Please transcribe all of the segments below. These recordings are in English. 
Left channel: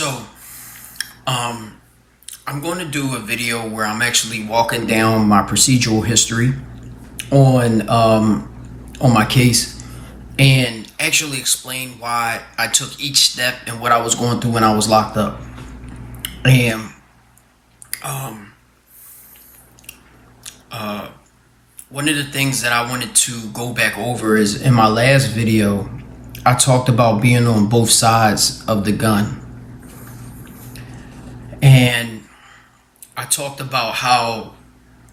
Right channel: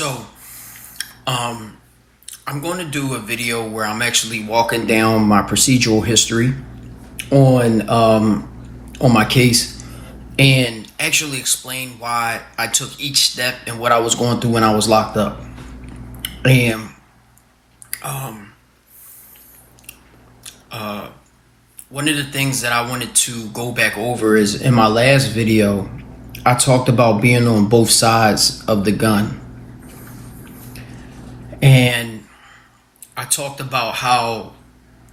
So, I'm going to do a video where I'm actually walking down my procedural history on my case and actually explain why I took each step and what I was going through when I was locked up. And one of the things that I wanted to go back over is in my last video, I talked about being on both sides of the gun. And I talked about how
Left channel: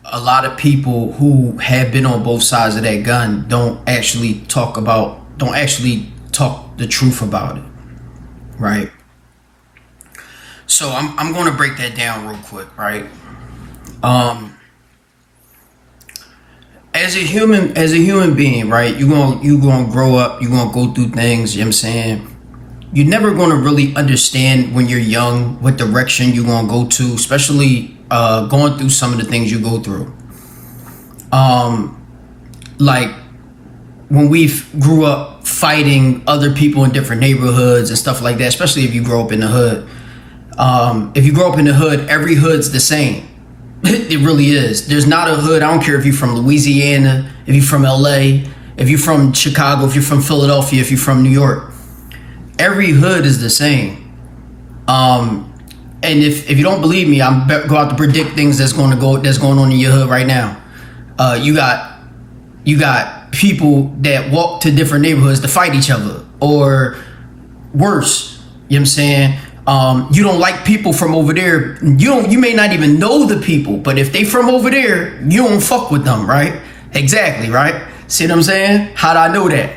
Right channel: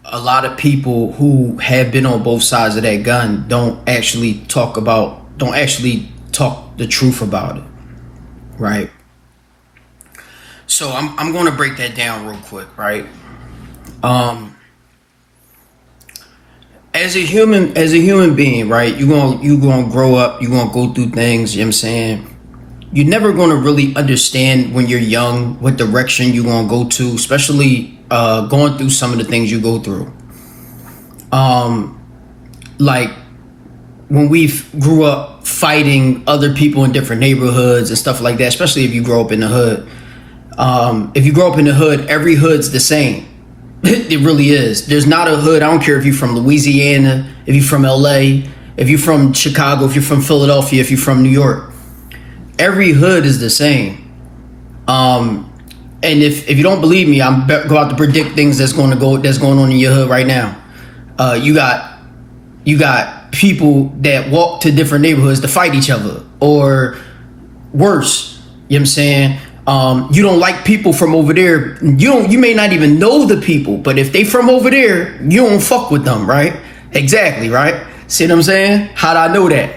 a lot of people who have been on both sides of that gun don't actually talk the truth about it, right? So I'm going to break that down real quick, right? As a human being, right, you're gonna grow up, you're gonna go through things, you know what I'm saying? You're never gonna really understand when you're young what direction you're gonna go to, especially going through some of the things you go through. Like when we grew up fighting other people in different neighborhoods and stuff like that, especially if you grow up in the hood. If you grow up in the hood, every hood's the same. It really is. There's not a hood. I don't care if you're from Louisiana, if you're from LA, if you're from Chicago, if you're from Philadelphia, if you're from New York. Every hood is the same. And if you don't believe me, I'm about to predict things that's going on in your hood right now. You got people that walk to different neighborhoods to fight each other, or worse. You know what I'm saying? You don't like people from over there. You may not even know the people, but if they from over there, you don't fuck with them, right? Exactly, right? See what I'm saying? How'd I know that?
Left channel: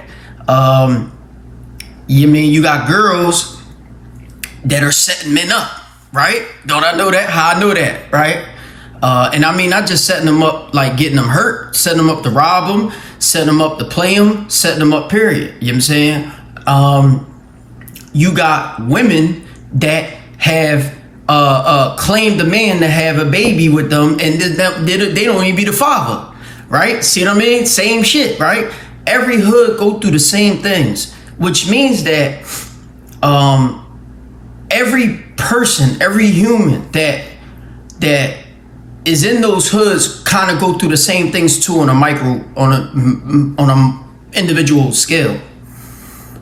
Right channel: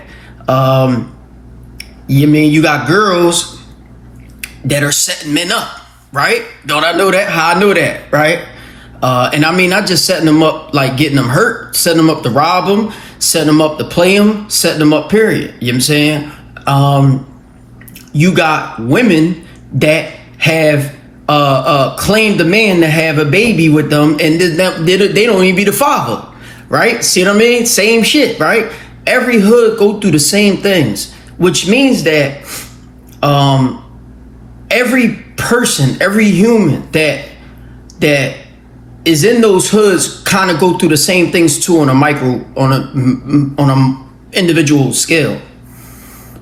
You got girls that are setting men up, right? Don't I know that? How I know that, right? And I mean, not just setting them up, like getting them hurt, setting them up to rob them, setting them up to play them, setting them up, period. You know what I'm saying? You got women that have claimed a man to have a baby with them, and they don't even be the father, right? See what I mean? Same shit, right? Every hood go through the same things, which means that every person, every human that is in those hoods kind of go through the same things too on a individual scale.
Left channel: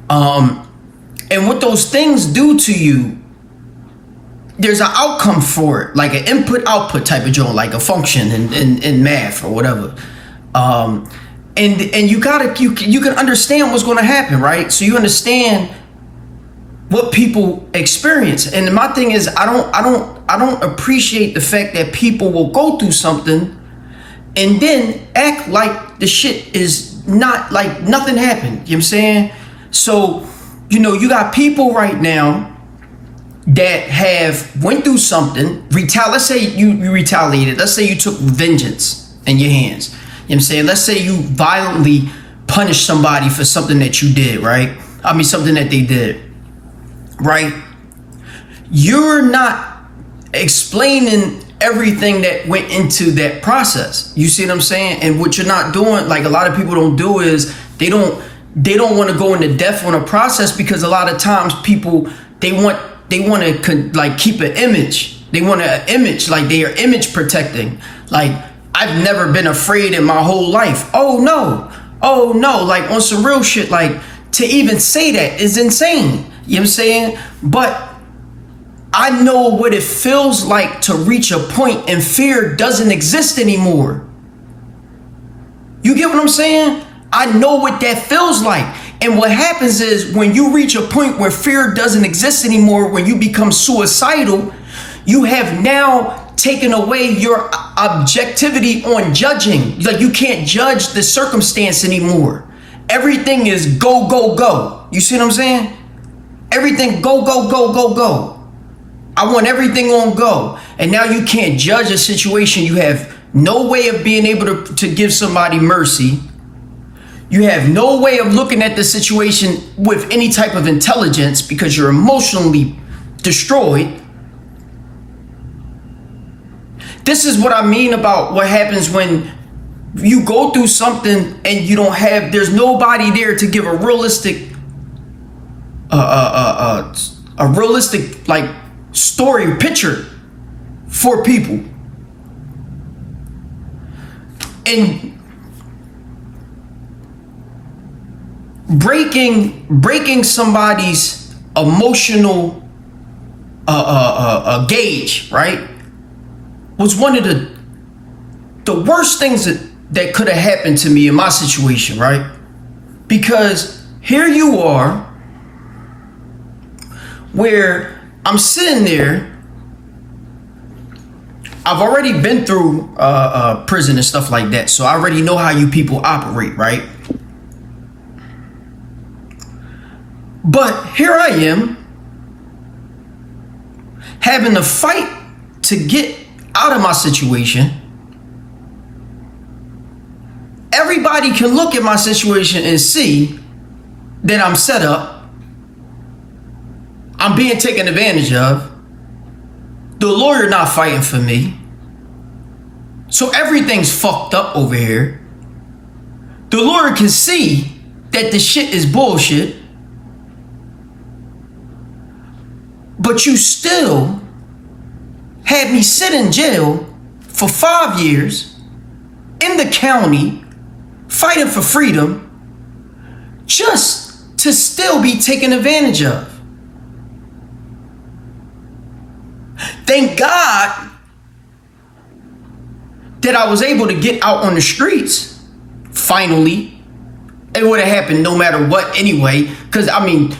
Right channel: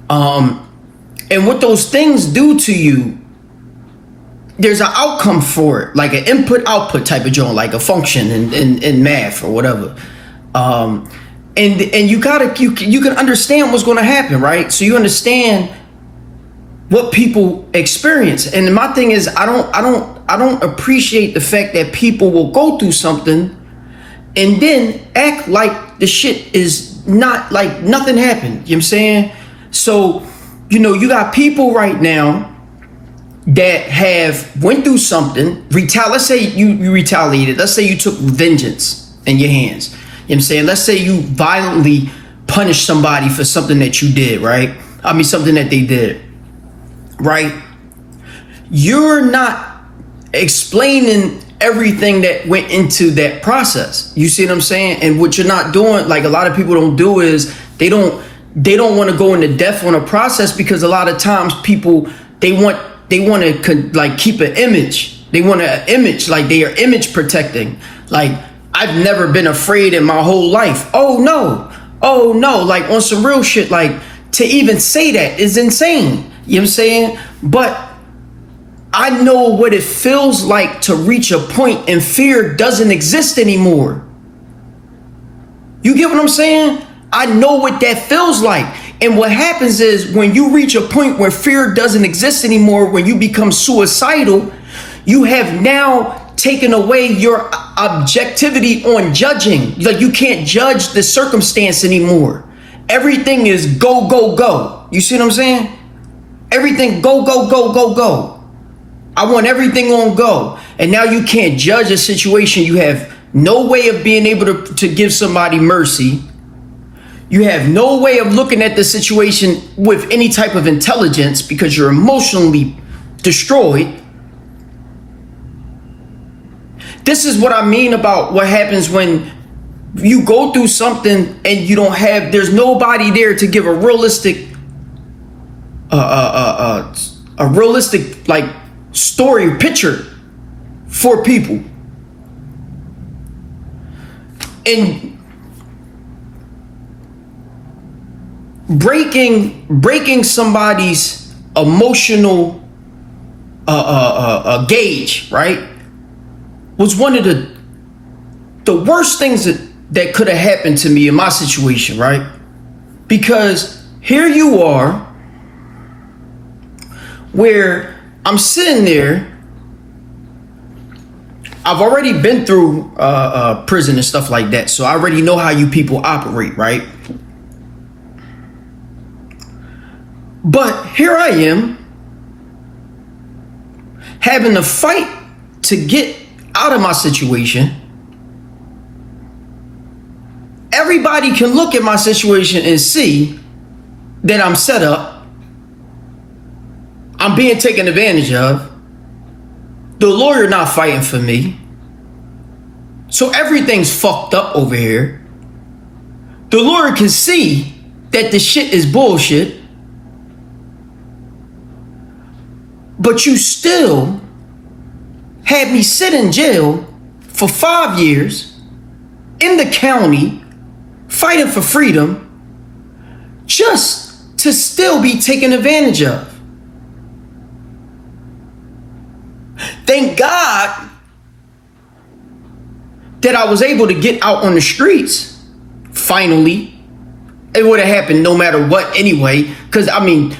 And what those things do to you, there's an outcome for it, like an input-output type of joint, like a function in math or whatever. And you can understand what's going to happen, right? So you understand what people experience. And my thing is, I don't appreciate the fact that people will go through something and then act like the shit is not, like nothing happened. You know what I'm saying? So, you got people right now that have went through something, let's say you retaliated. Let's say you took vengeance in your hands. You know what I'm saying? Let's say you violently punished somebody for something that you did, right? I mean, something that they did, right? You're not explaining everything that went into that process. You see what I'm saying? And what you're not doing, like a lot of people don't do, is they don't want to go into depth on a process, because a lot of times people, they want to like keep an image. They want an image, like they are image protecting. Like, I've never been afraid in my whole life. Oh no, like on some real shit. Like, to even say that is insane. You know what I'm saying? But I know what it feels like to reach a point and fear doesn't exist anymore. You get what I'm saying? I know what that feels like. And what happens is, when you reach a point where fear doesn't exist anymore, when you become suicidal, you have now taken away your objectivity on judging. Like, you can't judge the circumstance anymore. Everything is go, go, go. You see what I'm saying? Everything go, go, go, go, go. I want everything on go. And now you can't judge a situation. You have no way of being able to give somebody mercy. You have no way of looking at the situation with any type of intelligence, because you're emotionally destroyed. This is what I mean about what happens when you go through something and there's nobody there to give a realistic a realistic like story picture for people. And breaking somebody's emotional gauge, right, was one of the worst things that could have happened to me in my situation, right? Because here you are, where I'm sitting there. I've already been through prison and stuff like that, so I already know how you people operate, right? But here I am, having to fight to get out of my situation. Everybody can look at my situation and see that I'm set up. I'm being taken advantage of. The lawyer not fighting for me. So everything's fucked up over here. The lawyer can see that the shit is bullshit. But you still had me sit in jail for 5 years in the county fighting for freedom just to still be taken advantage of. Thank God that I was able to get out on the streets finally. It would have happened no matter what anyway, because I mean,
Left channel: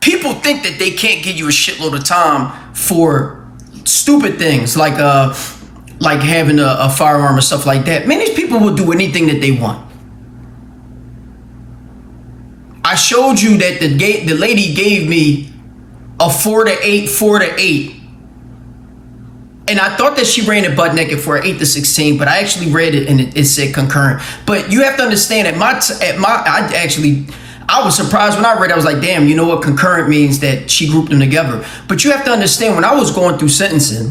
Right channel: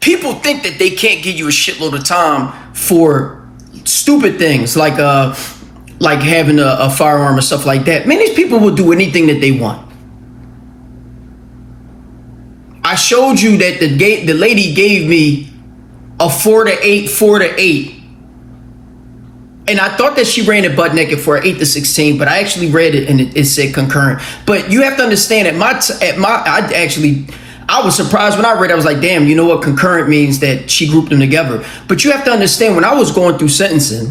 people think that they can't give you a shitload of time for stupid things like having a firearm or stuff like that. Man, these people will do anything that they want. I showed you that the lady gave me a 4 to 8, and I thought that she ran it butt naked for an 8 to 16, but I actually read it and it said concurrent. But you have to understand I was surprised when I read it. I was like, damn, you know what? Concurrent means that she grouped them together. But you have to understand, when I was going through sentencing,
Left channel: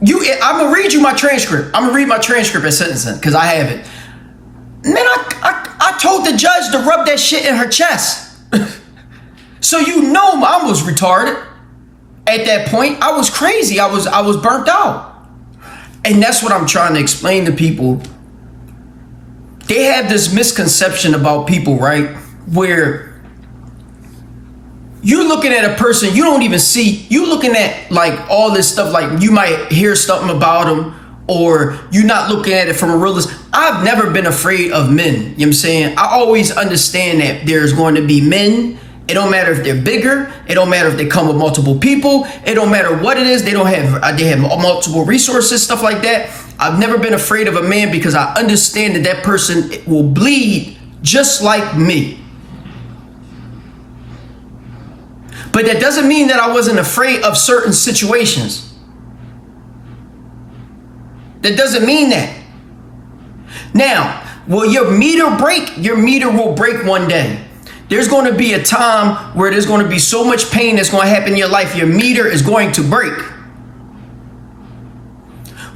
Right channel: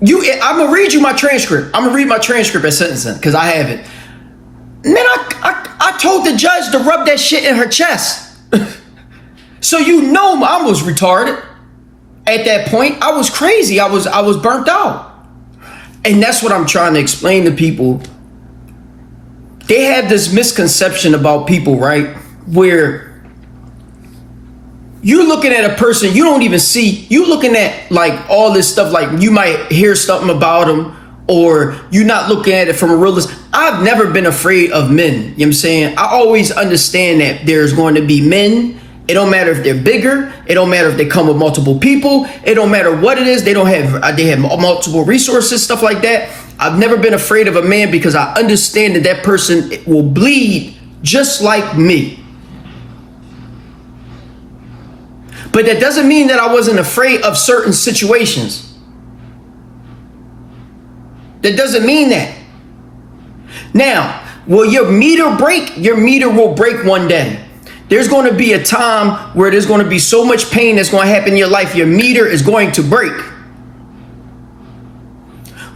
I'm going to read you my transcript. I'm going to read my transcript at sentencing because I have it. Man, I told the judge to rub that shit in her chest. So you know I was retarded at that point. I was crazy. I was burnt out. And that's what I'm trying to explain to people. They have this misconception about people, right? Where you're looking at a person, you don't even see, you looking at like all this stuff, like you might hear something about them, or you're not looking at it from a realist. I've never been afraid of men. You know what I'm saying? I always understand that there's going to be men. It don't matter if they're bigger. It don't matter if they come with multiple people. It don't matter what it is. They have multiple resources, stuff like that. I've never been afraid of a man because I understand that person will bleed just like me. But that doesn't mean that I wasn't afraid of certain situations. That doesn't mean that. Now, will your meter break? Your meter will break one day. There's going to be a time where there's going to be so much pain that's going to happen in your life. Your meter is going to break.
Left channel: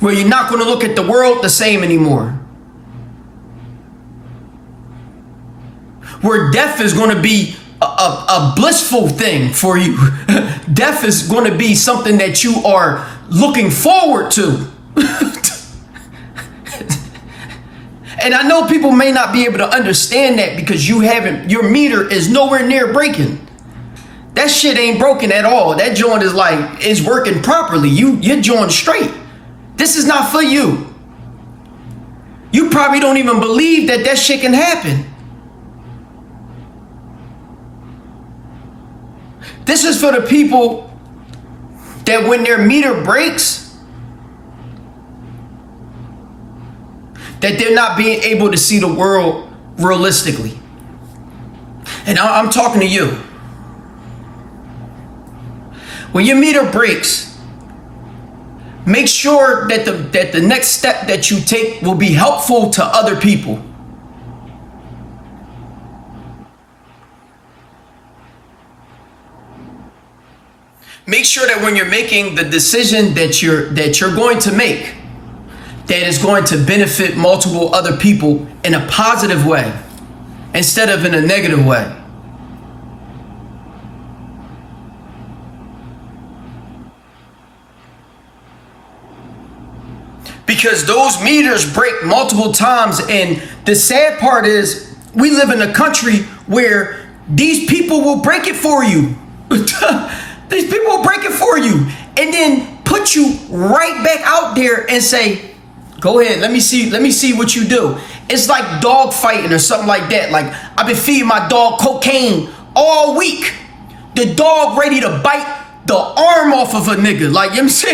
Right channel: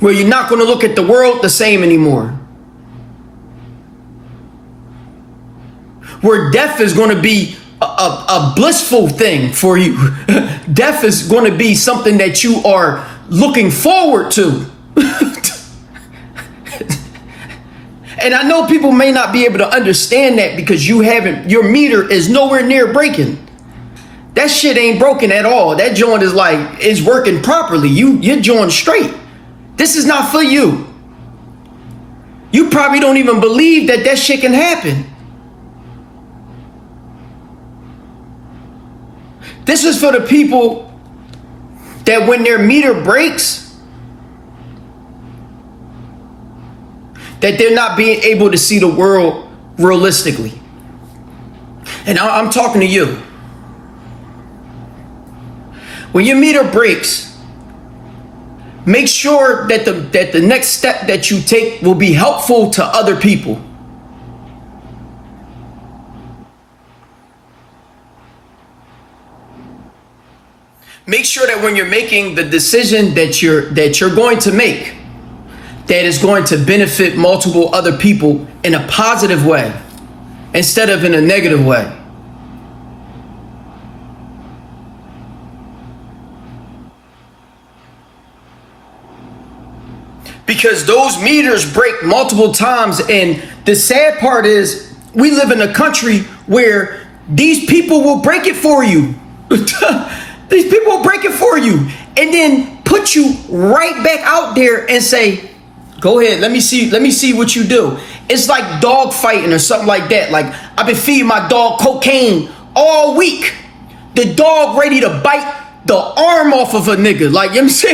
Where you're not going to look at the world the same anymore. Where death is going to be a blissful thing for you. Death is going to be something that you are looking forward to. And I know people may not be able to understand that because your meter is nowhere near breaking. That shit ain't broken at all. That joint is working properly. Your joint straight. This is not for you. You probably don't even believe that shit can happen. This is for the people that when their meter breaks, that they're not being able to see the world realistically. And I'm talking to you. When your meter breaks, make sure that the next step that you take will be helpful to other people. Make sure that when you're making the decision that you're going to make, that is going to benefit multiple other people in a positive way instead of in a negative way. because those meters break multiple times. And the sad part is we live in a country where these people will break it for you. These people will break it for you and then put you right back out there and say, go ahead, let me see what you do. It's like dog fighting or something like that. Like, I've been feeding my dog cocaine all week. The dog ready to bite the arm off of a nigga. Like, you know what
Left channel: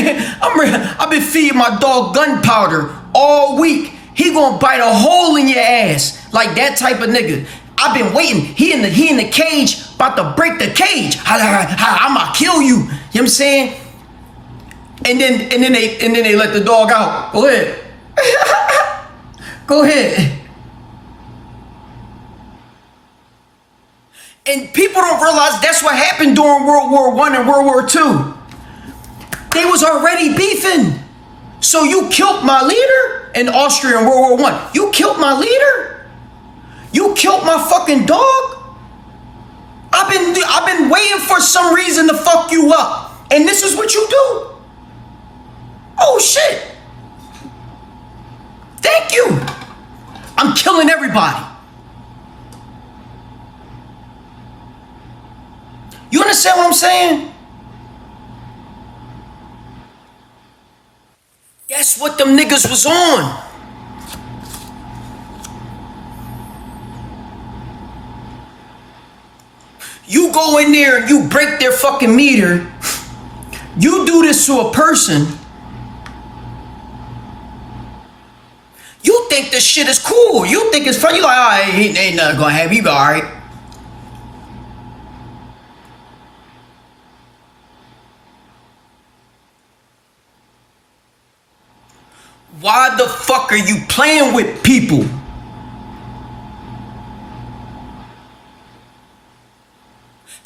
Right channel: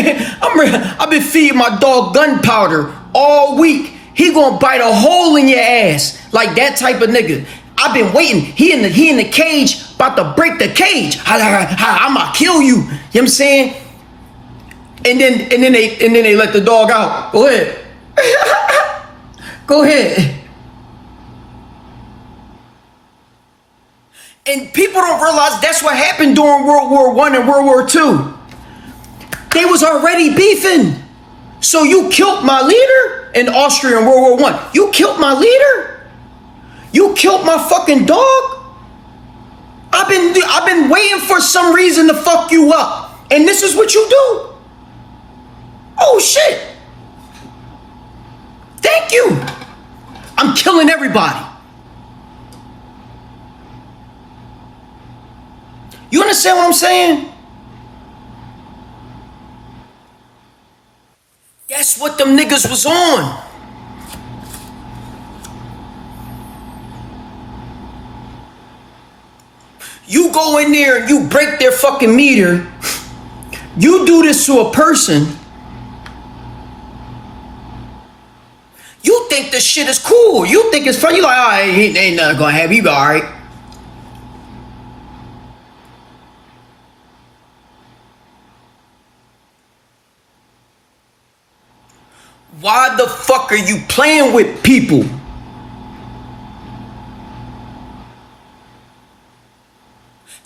I'm saying? I've been feeding my dog gunpowder all week. He gonna bite a hole in your ass. Like that type of nigga. I've been waiting. He in the cage, about to break the cage. I'ma kill you. You know what I'm saying? And then they let the dog out. Go ahead. Go ahead. And people don't realize that's what happened during World War I and World War II. They was already beefing. So you killed my leader in Austria in World War I. You killed my leader? You killed my fucking dog? I've been waiting for some reason to fuck you up. And this is what you do? Oh shit. Thank you. I'm killing everybody. You understand what I'm saying? That's what them niggas was on. You go in there and you break their fucking meter. You do this to a person. You think this shit is cool. You think it's funny. You're like, oh, he ain't nothing gonna happen. He be all right. Why the fuck are you playing with people?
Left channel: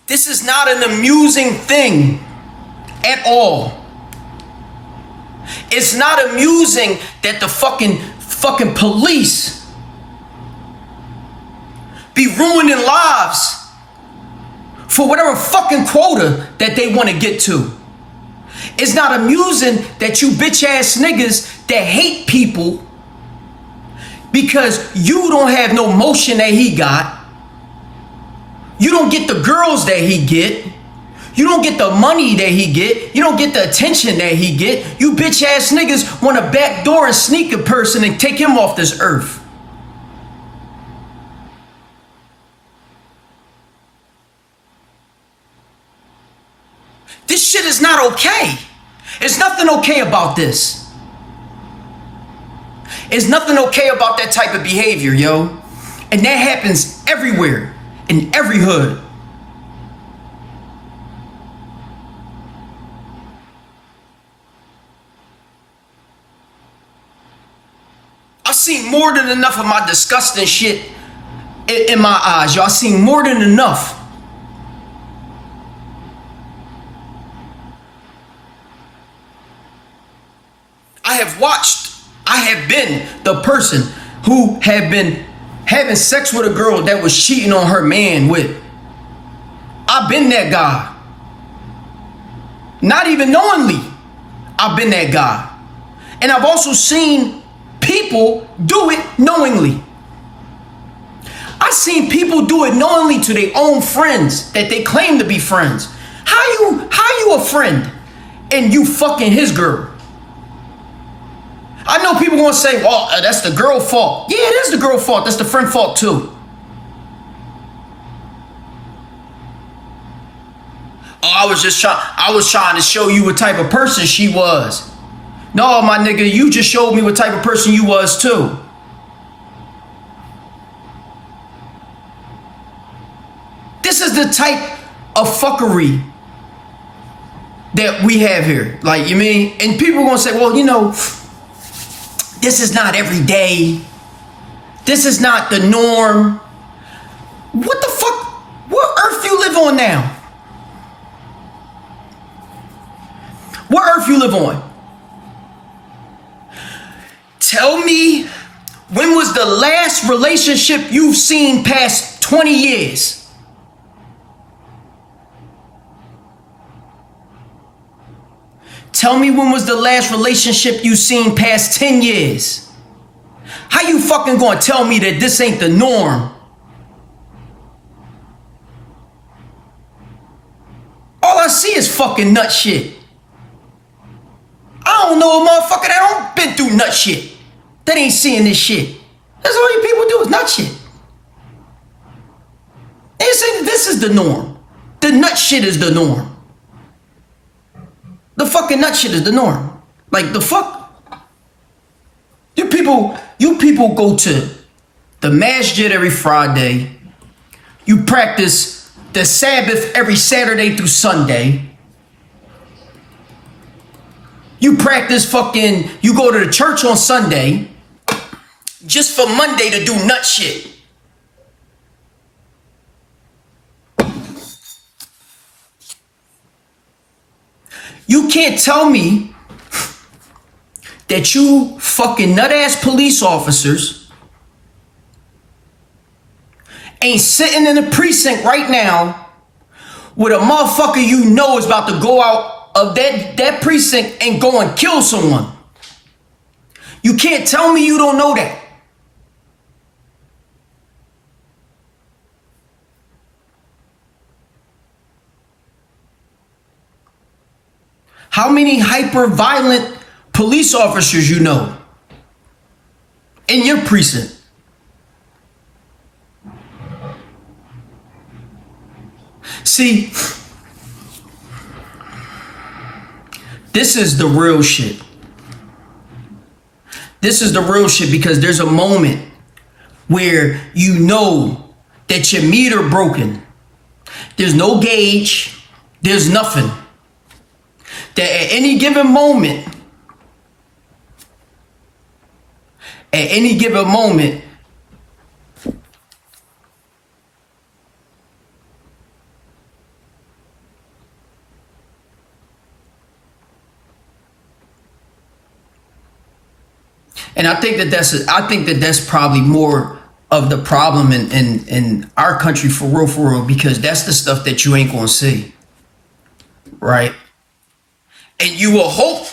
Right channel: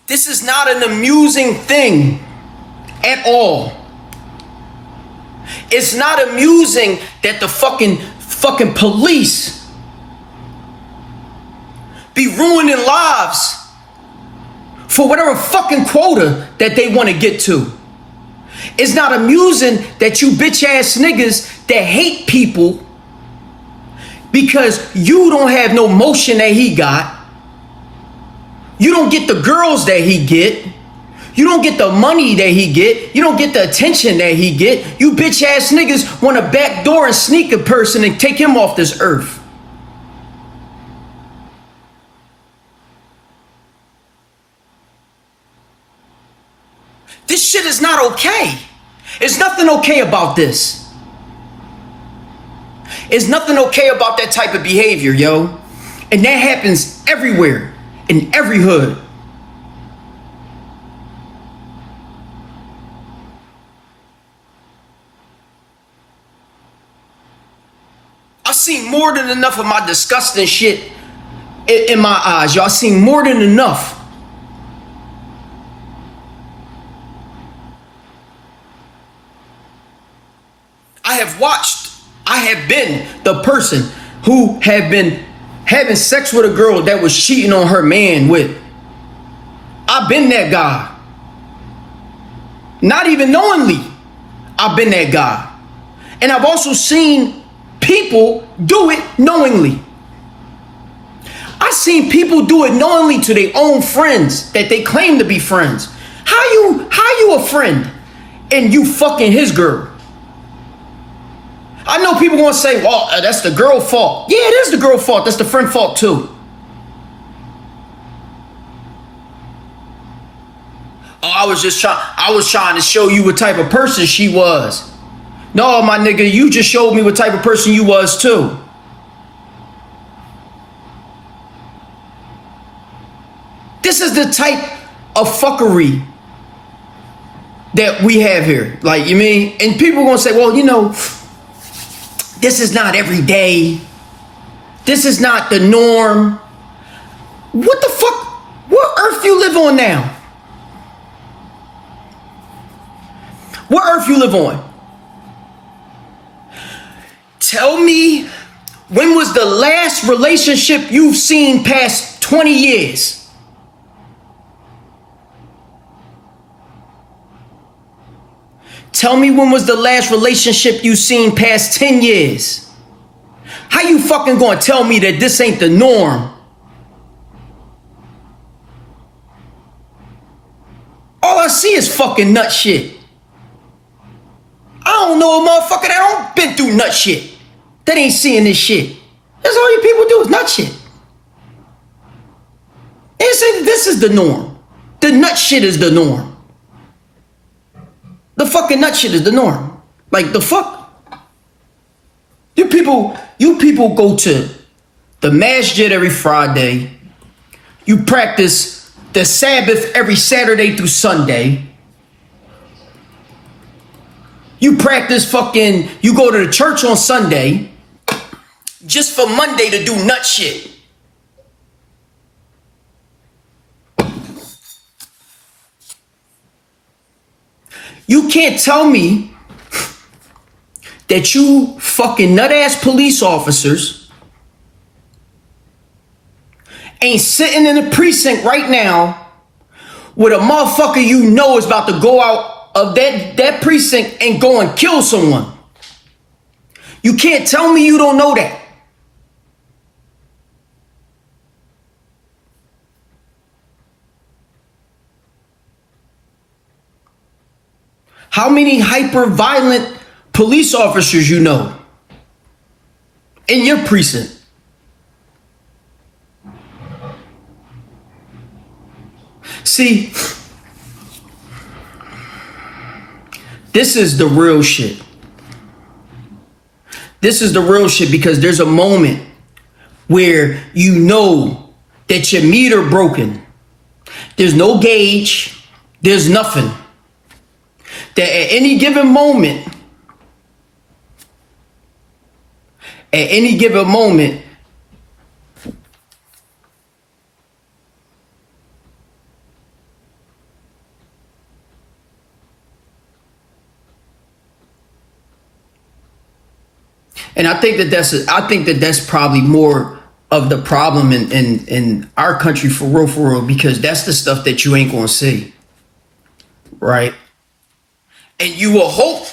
This is not an amusing thing at all. It's not amusing that the fucking police be ruining lives for whatever fucking quota that they want to get to. It's not amusing that you bitch ass niggas that hate people because you don't have no motion that he got. You don't get the girls that he get. You don't get the money that he get. You don't get the attention that he get. You bitch ass niggas want to backdoor and sneak a person and take him off this earth. This shit is not okay. There's nothing okay about this. There's nothing okay about that type of behavior, yo. And that happens everywhere, in every hood. I've seen more than enough of my disgusting shit in my eyes, y'all. I've seen more than enough. I have been the person who have been having sex with a girl that was cheating on her man with. I've been that guy. Not even knowingly, I've been that guy. And I've also seen people do it knowingly. I've seen people do it knowingly to their own friends that they claim to be friends. How you a friend and you fucking his girl? I know people gonna say, well, that's the girl fault. Yeah, it is the girl fault. That's the friend fault too. Oh, I was trying to show you what type of person she was. No, my nigga, you just showed me what type of person you was too. This is the type of fuckery that we have here. Like, you mean? And people gonna say, well, you know, this is not every day. This is not the norm. What the fuck? What earth you live on now? What earth you live on? Tell me, when was the last relationship you've seen past 20 years? Tell me when was the last relationship you seen past 10 years? How you fucking gonna tell me that this ain't the norm? All I see is fucking nut shit. I don't know a motherfucker that don't been through nut shit that ain't seeing this shit. That's all you people do is nut shit. They say this is the norm. The nut shit is the norm. The fucking nut shit is the norm. Like the fuck? You people go to the masjid every Friday. You practice the Sabbath every Saturday through Sunday. You practice fucking, you go to the church on Sunday just for Monday to do nut shit. You can't tell me that you fucking nut-ass police officers ain't sitting in the precinct right now with a motherfucker you know is about to go out of that precinct and go and kill someone. You can't tell me you don't know that. How many hyper-violent police officers you know in your precinct? See, this is the real shit. This is the real shit because there's a moment where you know that your meter broken. There's no gauge. There's nothing. That at any given moment, and I think that that's probably more of the problem in our country for real, because that's the stuff that you ain't gonna see, right? And you will hope.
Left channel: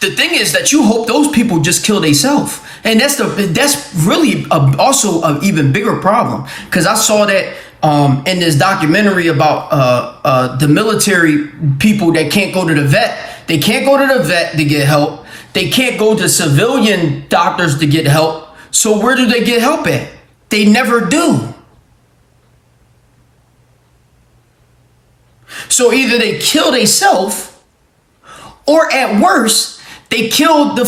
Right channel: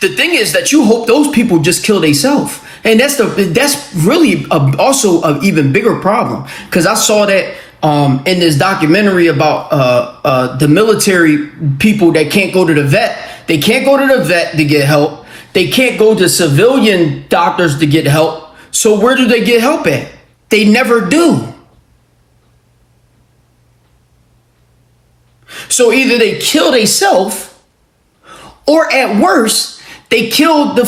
The thing is that you hope those people just kill themselves, and that's really also an even bigger problem. Because I saw that in this documentary about the military people that can't go to the vet. They can't go to the vet to get help. They can't go to civilian doctors to get help. So where do they get help at? They never do. So either they kill themselves, or at worst, they killed a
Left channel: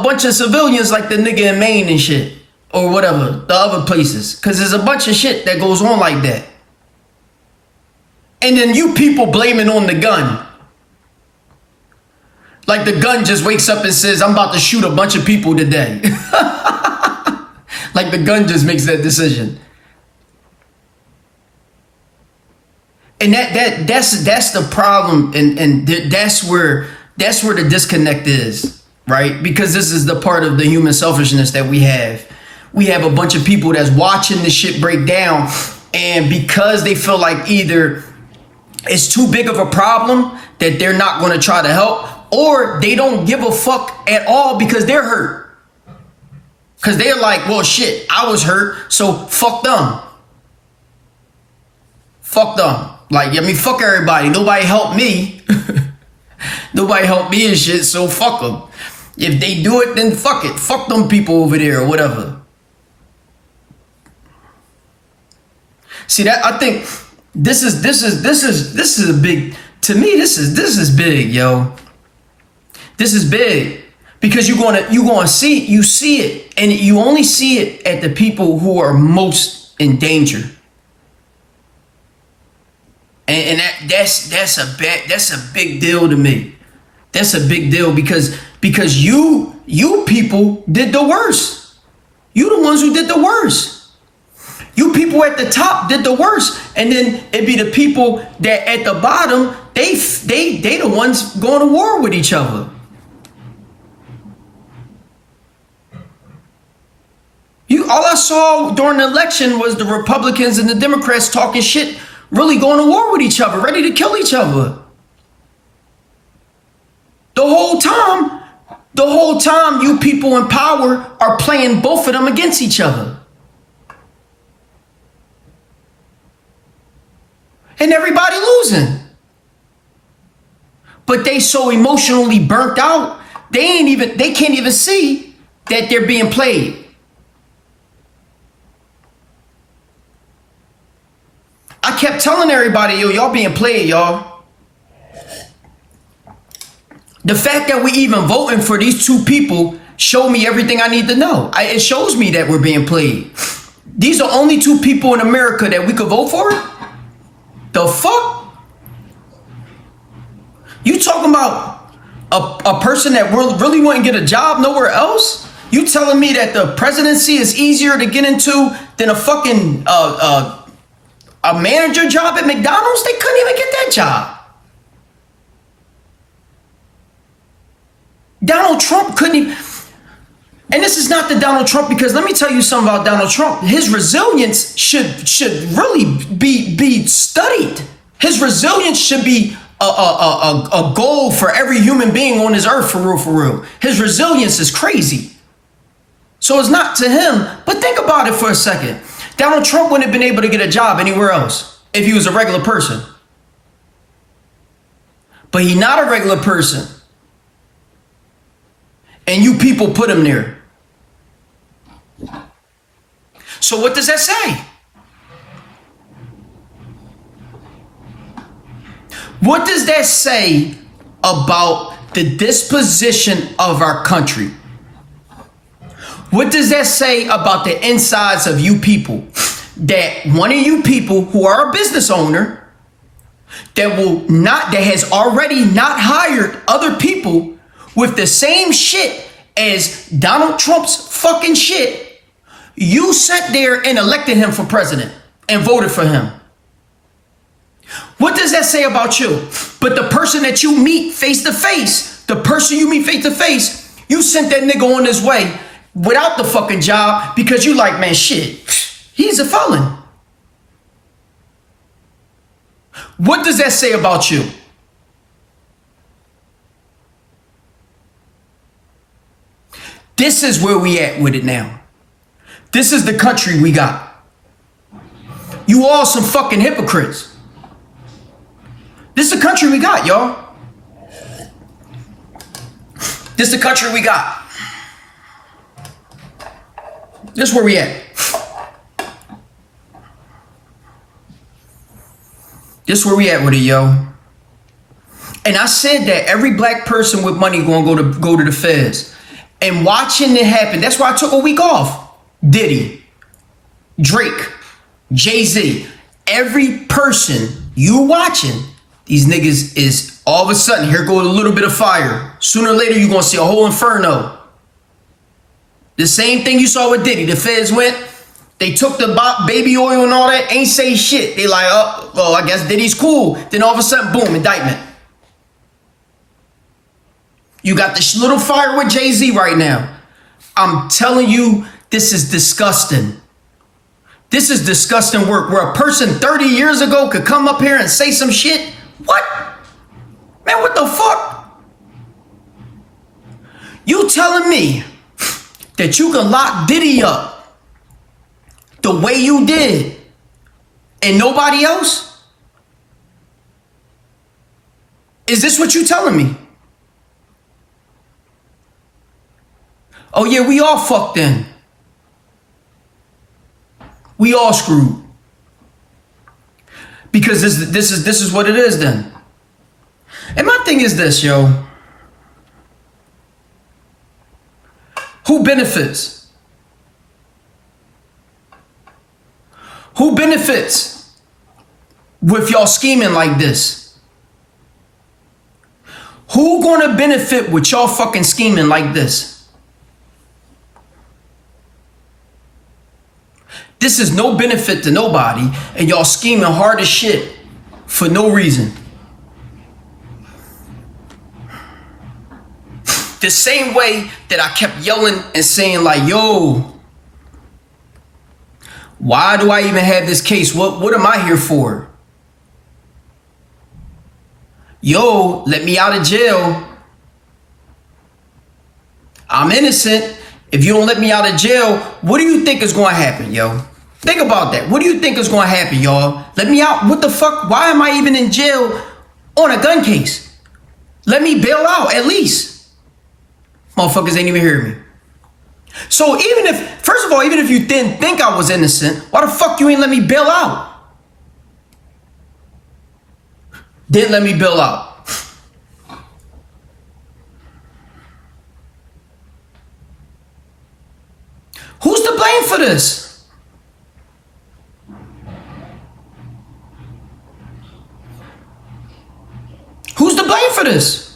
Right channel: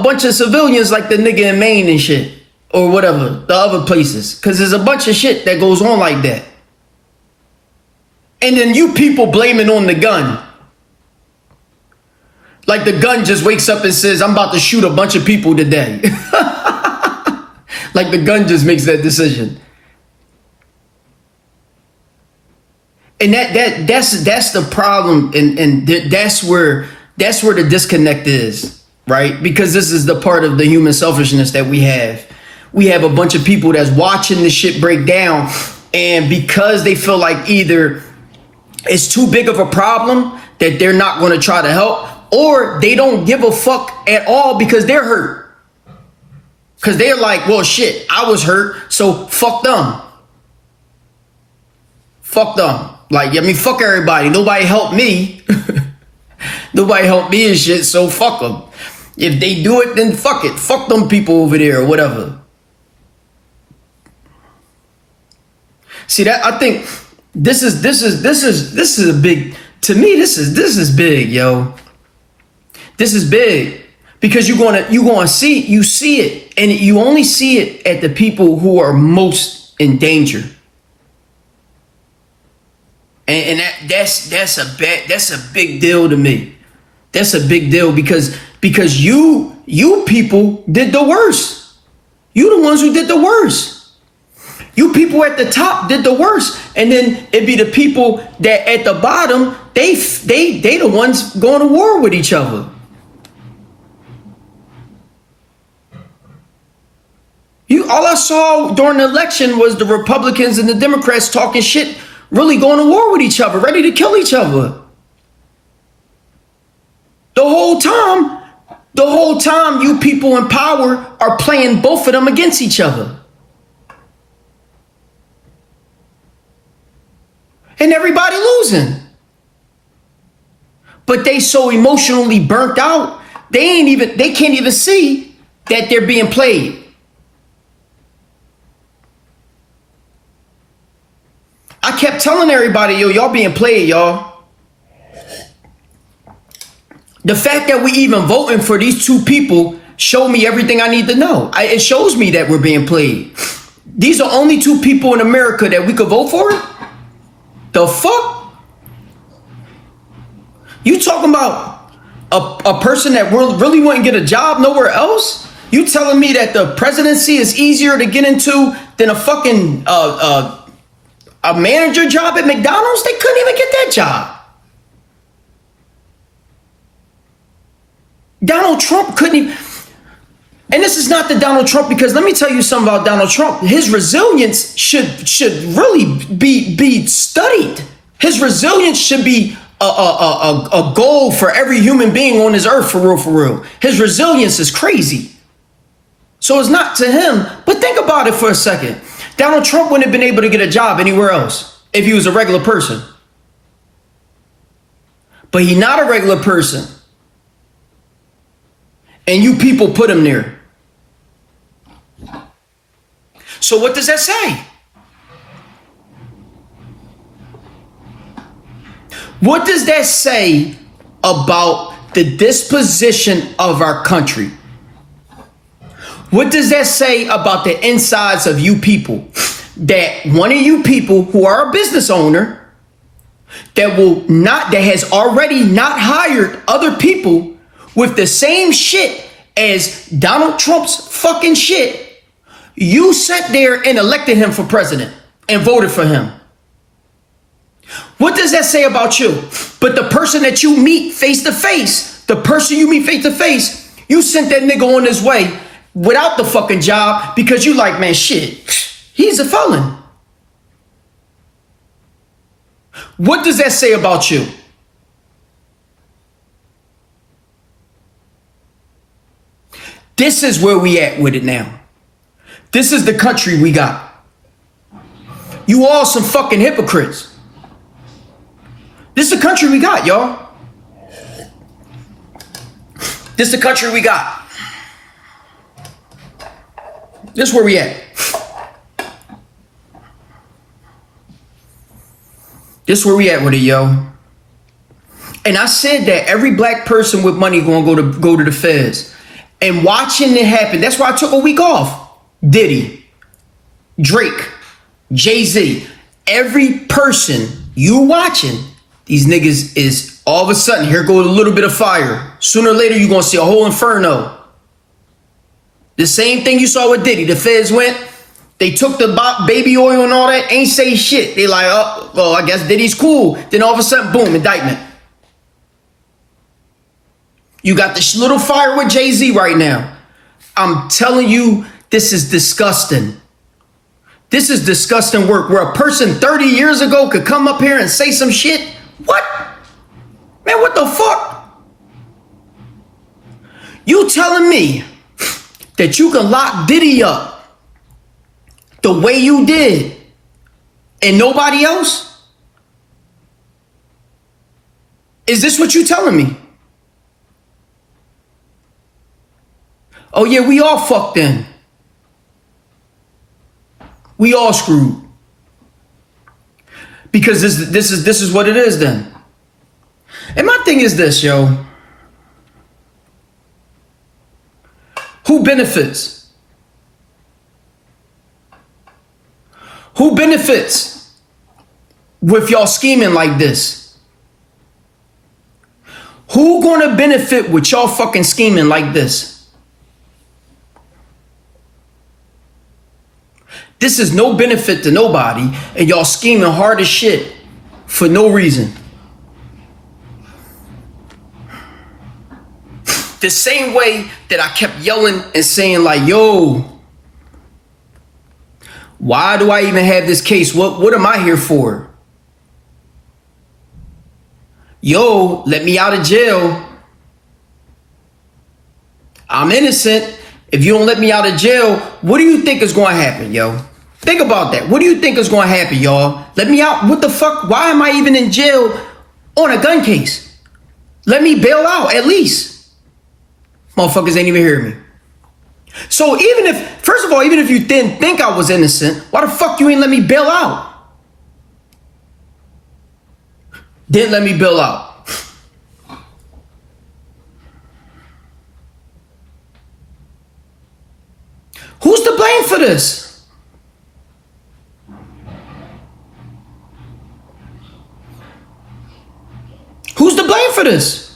bunch of civilians like the nigga in Maine and shit. Or whatever, the other places. Because there's a bunch of shit that goes on like that. And then you people blame it on the gun. Like the gun just wakes up and says, I'm about to shoot a bunch of people today. Like the gun just makes that decision. And that's the problem, and that's where the disconnect is, right? Because this is the part of the human selfishness that we have. We have a bunch of people that's watching this shit break down, and because they feel like either it's too big of a problem that they're not going to try to help, or they don't give a fuck at all because they're hurt. Because they're like, well, shit, I was hurt, so fuck them. Fuck them. Like, I mean, fuck everybody. Nobody helped me. Nobody helped me and shit, so fuck them. If they do it, then fuck it. Fuck them people over there or whatever. See that? I think this is a big, to me, this is big, yo. This is big. Because you're gonna see it, and you only see it at the people who are most in danger. And that's a big deal to me. That's a big deal because you people did the worst. You the ones who did the worst. You people at the top did the worst, and then it'd be the people that at the bottom they the ones going to war with each other. All I saw during the election was the Republicans and the Democrats talking shit, really going to war with each other, ready to kill each other. The whole time you people in power are playing both of them against each other. And everybody losing. But they so emotionally burnt out, they can't even see that they're being played. I kept telling everybody, yo, y'all being played, y'all. The fact that we even voting for these two people showed me everything I need to know. It shows me that we're being played. These are only two people in America that we could vote for? The fuck? You talking about a person that really wouldn't get a job nowhere else? You telling me that the presidency is easier to get into than a fucking a manager job at McDonald's? They couldn't even get that job. Donald Trump couldn't even. And this is not the Donald Trump, because let me tell you something about Donald Trump. His resilience should really be studied. His resilience should be a goal for every human being on this earth, for real. His resilience is crazy. So it's not to him. But think about it for a second. Donald Trump wouldn't have been able to get a job anywhere else if he was a regular person. But he's not a regular person. And you people put him there. So what does that say? What does that say about the disposition of our country? What does that say about the insides of you people? That one of you people who are a business owner that has already not hired other people with the same shit as Donald Trump's fucking shit, you sat there and elected him for president and voted for him. What does that say about you? But the person that you meet face to face, you sent that nigga on his way without the fucking job because you like, man, shit, he's a felon. What does that say about you? This is where we at with it now. This is the country we got. You all some fucking hypocrites. This is the country we got, y'all. This is the country we got. This is where we at. This is where we at with it, yo. And I said that every black person with money gonna go to the feds. And watching it happen, that's why I took a week off. Diddy, Drake, Jay-Z, every person you watching, these niggas is all of a sudden, here goes a little bit of fire. Sooner or later, you're going to see a whole inferno. The same thing you saw with Diddy. The feds went, they took the baby oil and all that, ain't say shit. They like, oh, well, I guess Diddy's cool. Then all of a sudden, boom, indictment. You got this little fire with Jay-Z right now. I'm telling you, this is disgusting. This is disgusting work where a person 30 years ago could come up here and say some shit. What? Man, what the fuck? You telling me that you can lock Diddy up the way you did and nobody else? Is this what you telling me? Oh yeah, we all fucked in. We all screwed. Because this is what it is then. And my thing is this, yo. Who benefits? Who benefits with y'all scheming like this? Who gonna benefit with y'all fucking scheming like this? This is no benefit to nobody, and y'all scheming hard as shit for no reason. The same way that I kept yelling and saying like, yo, why do I even have this case? What am I here for? Yo, let me out of jail. I'm innocent. If you don't let me out of jail, what do you think is going to happen, yo? Think about that. What do you think is going to happen, y'all? Let me out. What the fuck? Why am I even in jail on a gun case? Let me bail out, at least. Motherfuckers ain't even hear me. So even if, first of all, even if you didn't think I was innocent, why the fuck you ain't let me bail out? Didn't let me bail out. Who's to blame for this? Who's to blame for this?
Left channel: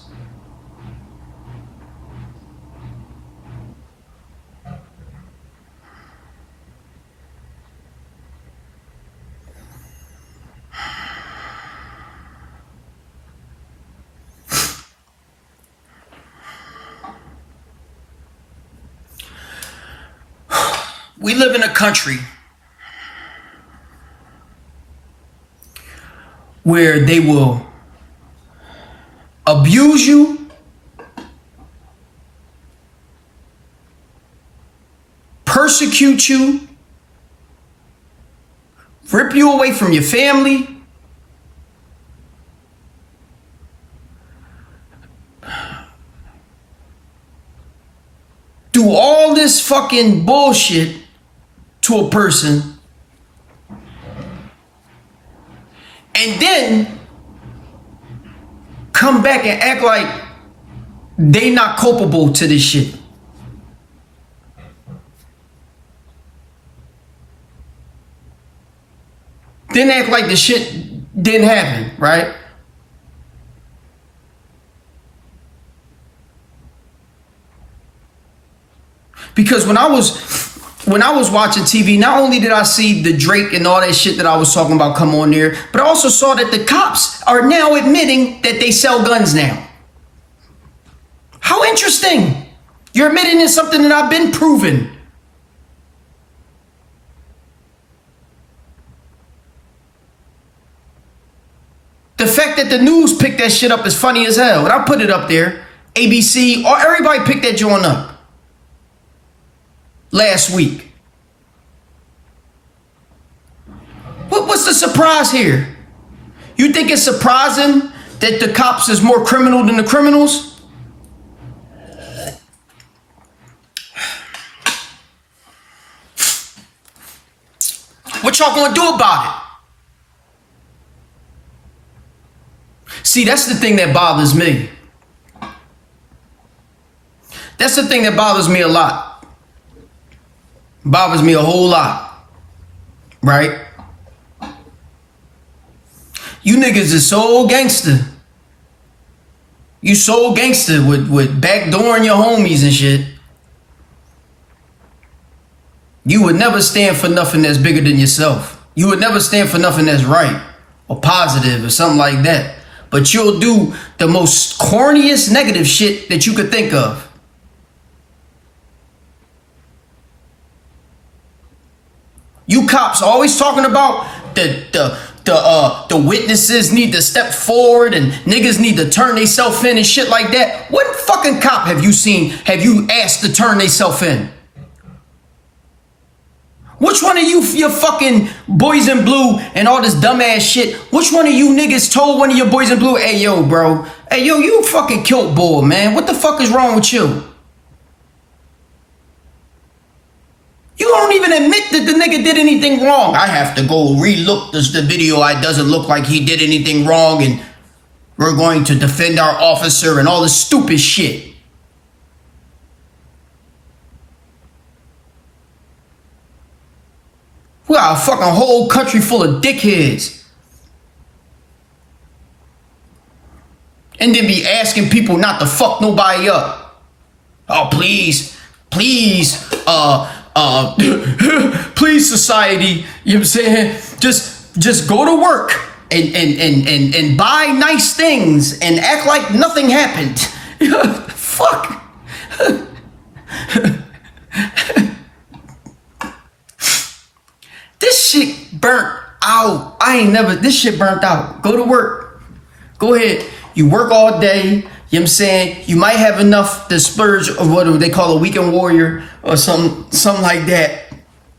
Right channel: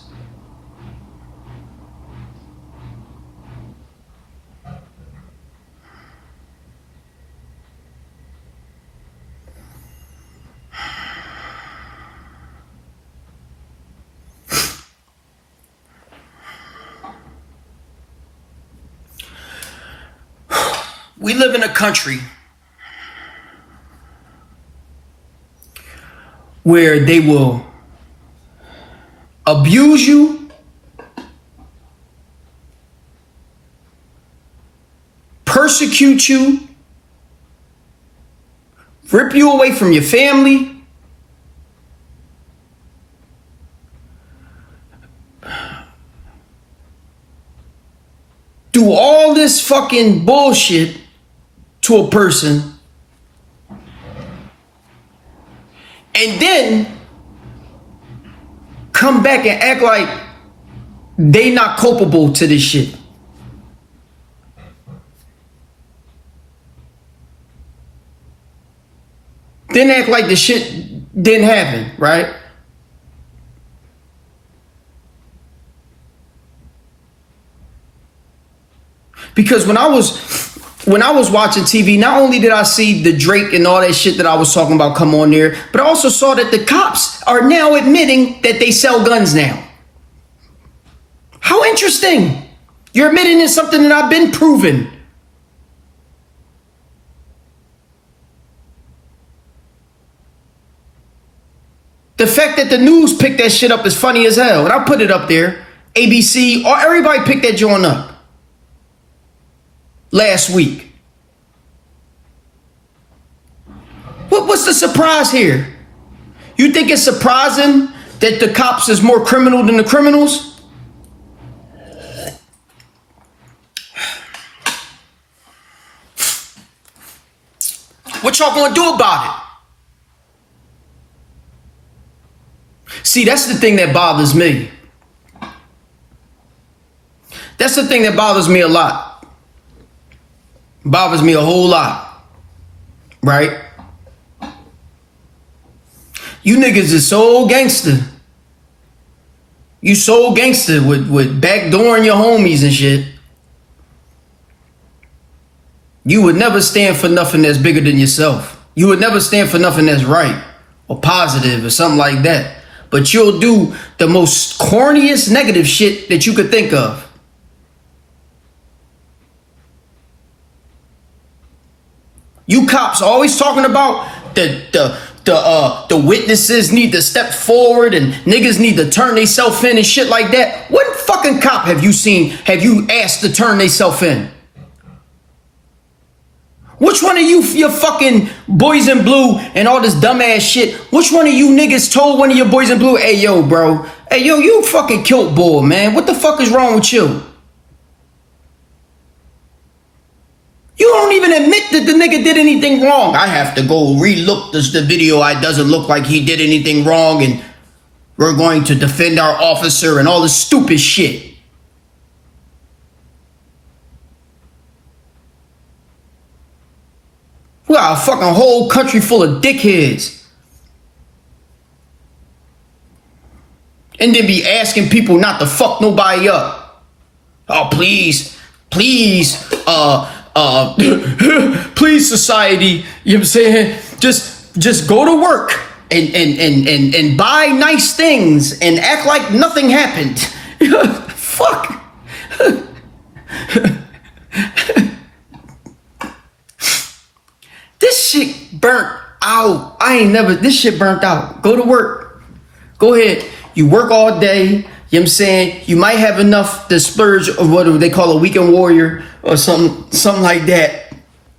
We live in a country where they will abuse you, persecute you, rip you away from your family, do all this fucking bullshit to a person, and then come back and act like they not culpable to this shit. Then act like the shit didn't happen, right? Because when I was watching TV, not only did I see the Drake and all that shit that I was talking about come on there, but I also saw that the cops are now admitting that they sell guns now. How interesting. You're admitting to something that I've been proven. The fact that the news picked that shit up is funny as hell. And I put it up there. ABC, or everybody picked that joint up last week. What's the surprise here? You think it's surprising that the cops is more criminal than the criminals? What y'all gonna do about it? See, that's the thing that bothers me. That's the thing that bothers me a lot. Bothers me a whole lot. Right? You niggas is so gangster. You so gangster with backdooring your homies and shit. You would never stand for nothing that's bigger than yourself. You would never stand for nothing that's right or positive or something like that. But you'll do the most corniest negative shit that you could think of. You cops always talking about the witnesses need to step forward and niggas need to turn themselves in and shit like that. What fucking cop have you seen, have you asked to turn themselves in? Which one of you fucking boys in blue and all this dumbass shit, which one of you niggas told one of your boys in blue, hey yo bro, hey yo, you fucking killed bull, man. What the fuck is wrong with you? You don't even admit that the nigga did anything wrong. I have to go relook the video. It doesn't look like he did anything wrong and we're going to defend our officer and all this stupid shit. We got a fucking whole country full of dickheads. And then be asking people not to fuck nobody up. Oh, please, please, please society, you know what I'm saying? Just go to work and buy nice things and act like nothing happened. Fuck. This shit burnt out. This shit burnt out. Go to work. Go ahead. You work all day. You know what I'm saying? You might have enough to spurge of what they call a weekend warrior or something like that.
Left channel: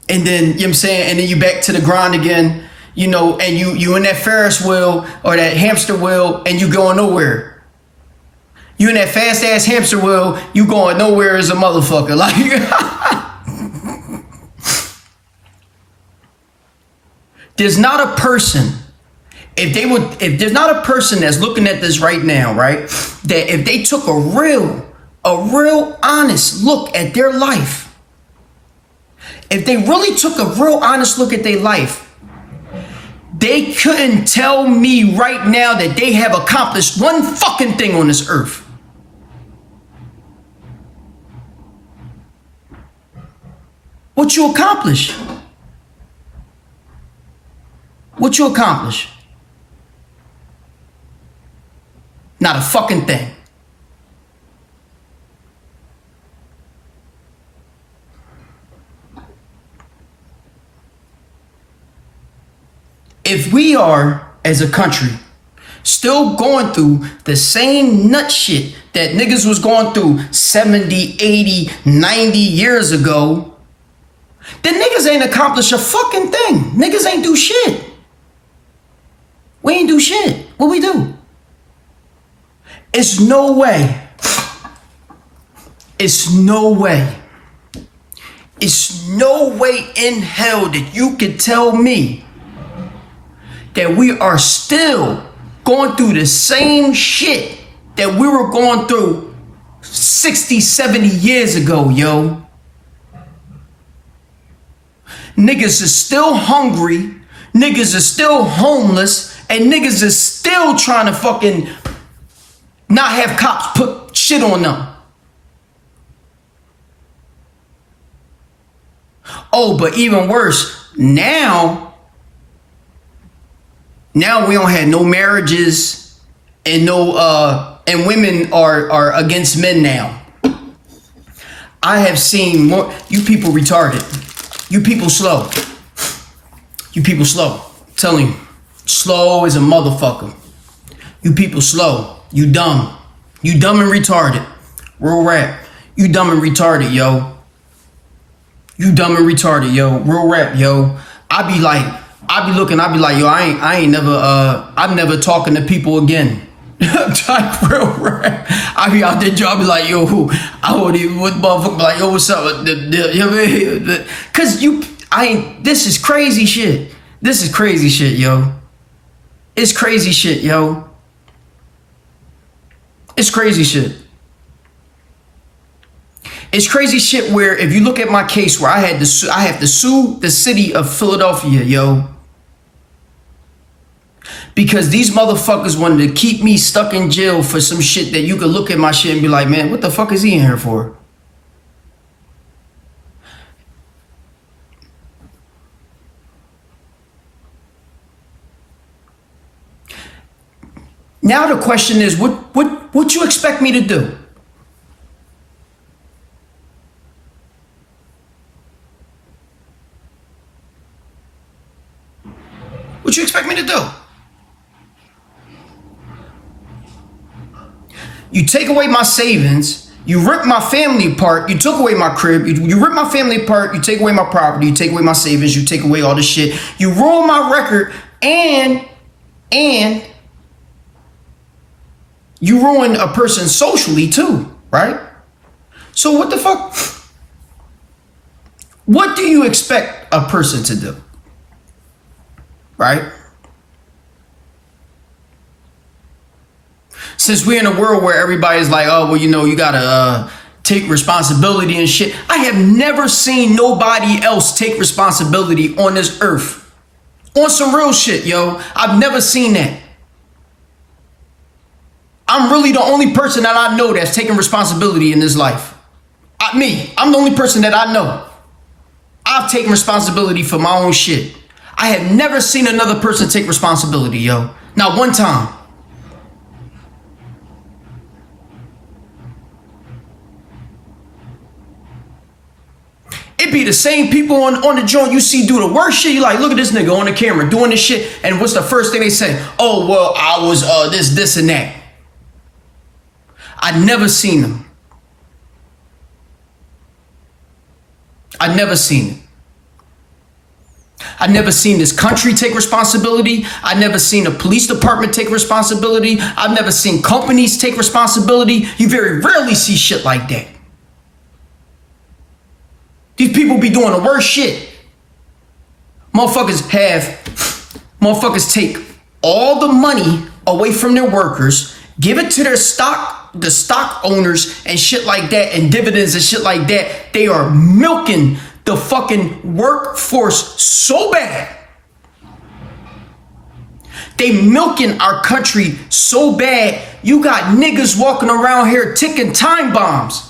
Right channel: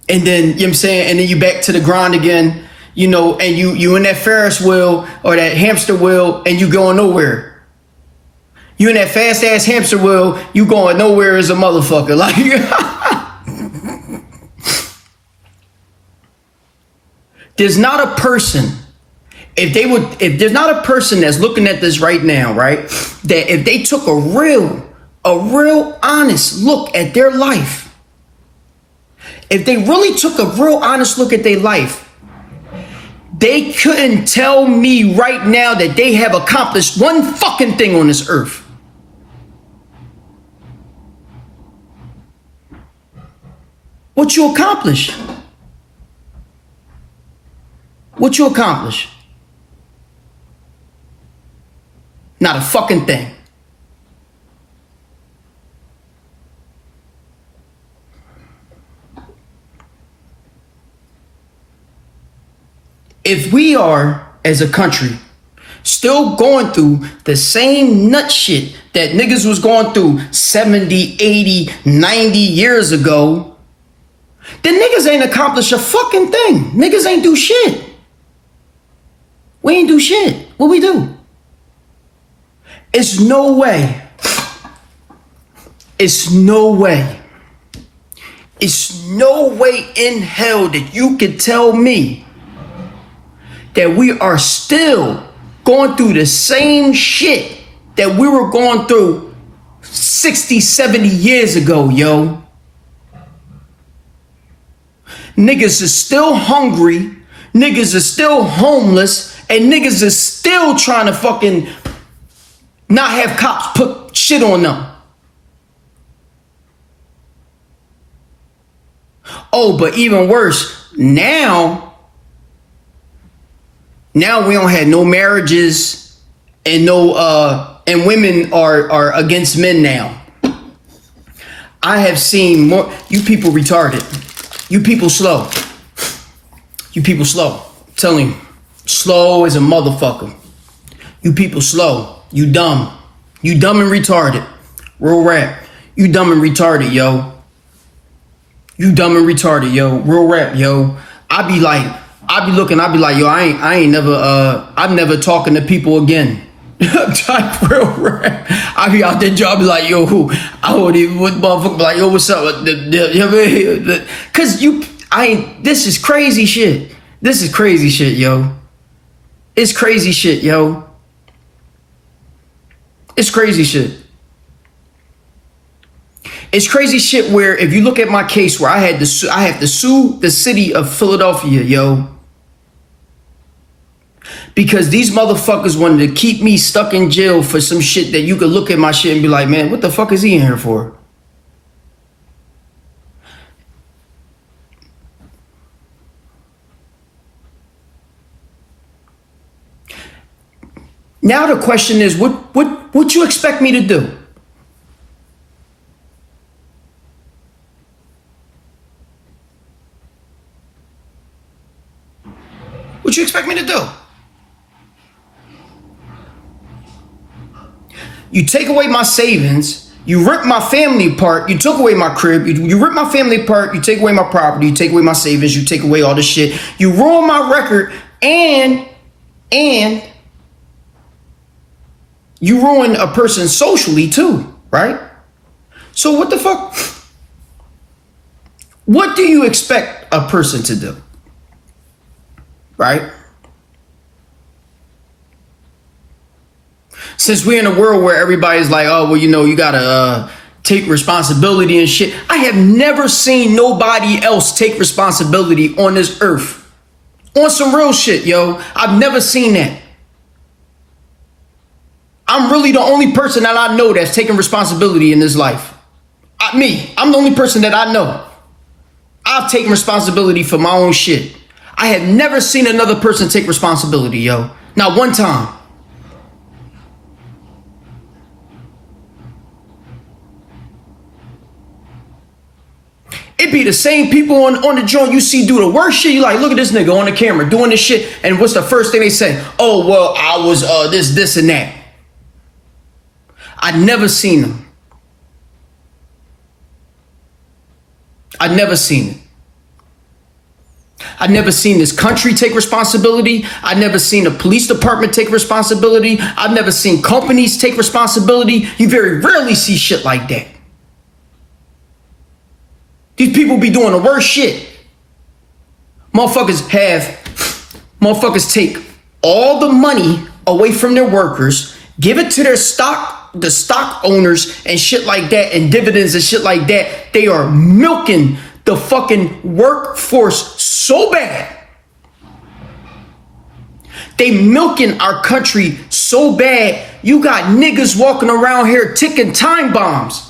And then, you know what I'm saying? And then you back to the grind again, you know, and you in that Ferris wheel or that hamster wheel and you going nowhere. You in that fast ass hamster wheel, you going nowhere as a motherfucker. Like, there's not a person, if there's not a person that's looking at this right now, right, that if they took a real honest look at their life, if they really took a real honest look at their life, they couldn't tell me right now that they have accomplished one fucking thing on this earth. What you accomplish? What you accomplish? Not a fucking thing. If we are, as a country, still going through the same nut shit that niggas was going through 70, 80, 90 years ago, then niggas ain't accomplished a fucking thing. Niggas ain't do shit. We ain't do shit. What we do? It's no way. It's no way. It's no way in hell that you can tell me that we are still going through the same shit that we were going through 60, 70 years ago, yo. Niggas is still hungry. Niggas is still homeless. And niggas is still trying to fucking not have cops put shit on them. Oh, but even worse, now we don't have no marriages and and women are against men now. I have seen more. You people retarded. You people slow. You people slow. I'm telling you, slow as a motherfucker. You people slow. You dumb. You dumb and retarded. Real rap. You dumb and retarded, yo. You dumb and retarded, yo. Real rap, yo. I be like, yo, I'm never talking to people again. Like, real rap. I be out there, I be like, yo, I would even, what motherfucker, like, yo, what's up? You know what I mean? Cause this is crazy shit. This is crazy shit, yo. It's crazy shit, yo. It's crazy shit. It's crazy shit where if you look at my case where I have to sue the city of Philadelphia, yo. Because these motherfuckers wanted to keep me stuck in jail for some shit that you could look at my shit and be like, man, what the fuck is he in here for? Now the question is, what you expect me to do? What you expect me to do? You take away my savings, you rip my family apart, you took away my crib, you rip my family apart, you take away my property, you take away my savings, you take away all this shit, you ruin my record, and you ruin a person socially too, right? So what the fuck? What do you expect a person to do? Right? Since we're in a world where everybody's like, oh, well, you know, you gotta take responsibility and shit. I have never seen nobody else take responsibility on this earth. On some real shit, yo. I've never seen that. I'm really the only person that I know that's taking responsibility in this life. I'm the only person that I know. I've taken responsibility for my own shit. I have never seen another person take responsibility, yo. Not one time. It be the same people on the joint you see do the worst shit. You like, look at this nigga on the camera doing this shit. And what's the first thing they say? Oh, well, I was this and that. I never seen them. I never seen it. I never seen this country take responsibility. I never seen a police department take responsibility. I've never seen companies take responsibility. You very rarely see shit like that. These people be doing the worst shit. Motherfuckers take all the money away from their workers, give it to the stock owners and shit like that, and dividends and shit like that. They are milking the fucking workforce so bad. They milking our country so bad. You got niggas walking around here ticking time bombs.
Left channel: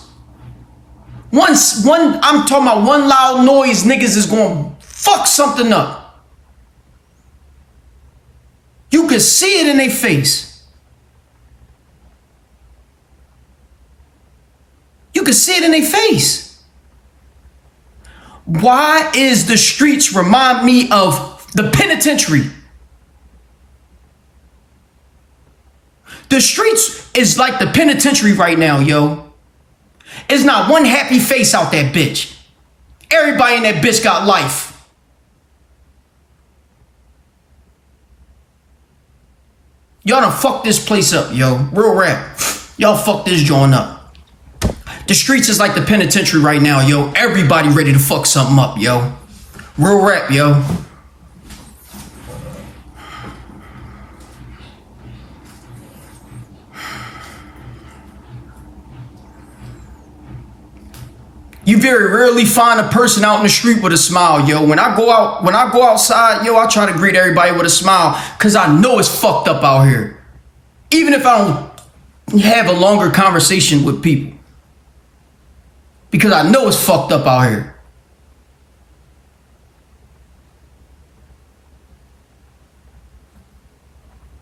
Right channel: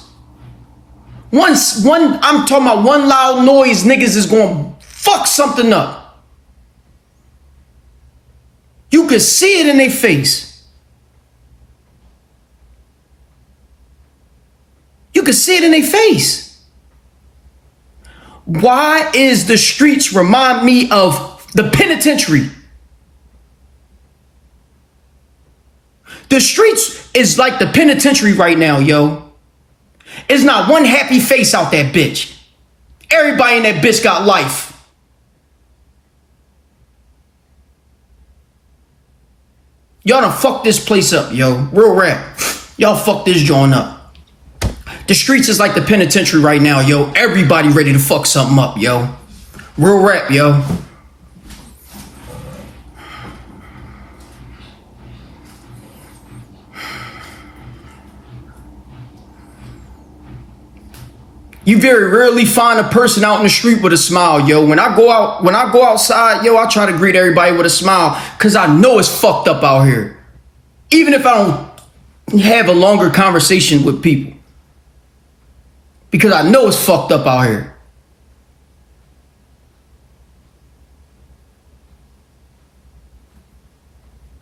I'm talking about one loud noise, niggas is going to fuck something up. You can see it in their face. You can see it in their face. Why is the streets remind me of the penitentiary? The streets is like the penitentiary right now, yo. There's not one happy face out that bitch. Everybody in that bitch got life. Y'all done fucked this place up, yo. Real rap. Y'all fucked this joint up. The streets is like the penitentiary right now, yo. Everybody ready to fuck something up, yo. Real rap, yo. You very rarely find a person out in the street with a smile, yo. When I go outside, yo, I try to greet everybody with a smile because I know it's fucked up out here. Even if I don't have a longer conversation with people. Because I know it's fucked up out here.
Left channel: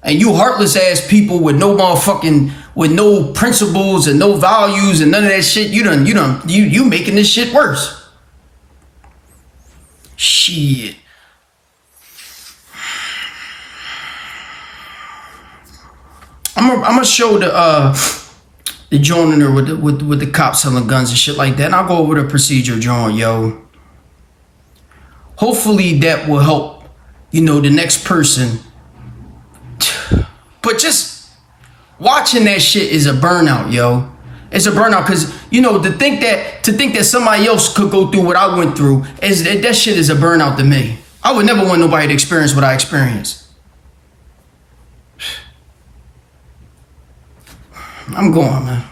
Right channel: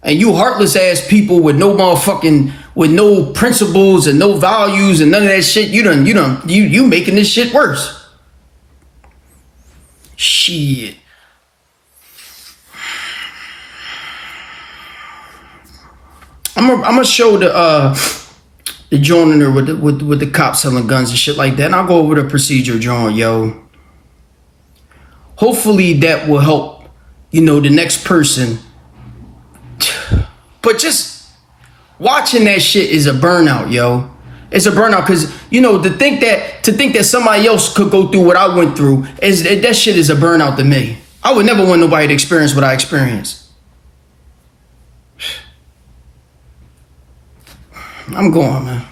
And you heartless ass people with no motherfucking, with no principles and no values and none of that shit, you making this shit worse. Shit. I'm gonna show the joint in there with the cops selling guns and shit like that, and I'll go over the procedure joint, yo. Hopefully that will help, the next person. But just watching that shit is a burnout, yo. It's a burnout because, to think that somebody else could go through what I went through, that shit is a burnout to me. I would never want nobody to experience what I experienced. I'm going, man.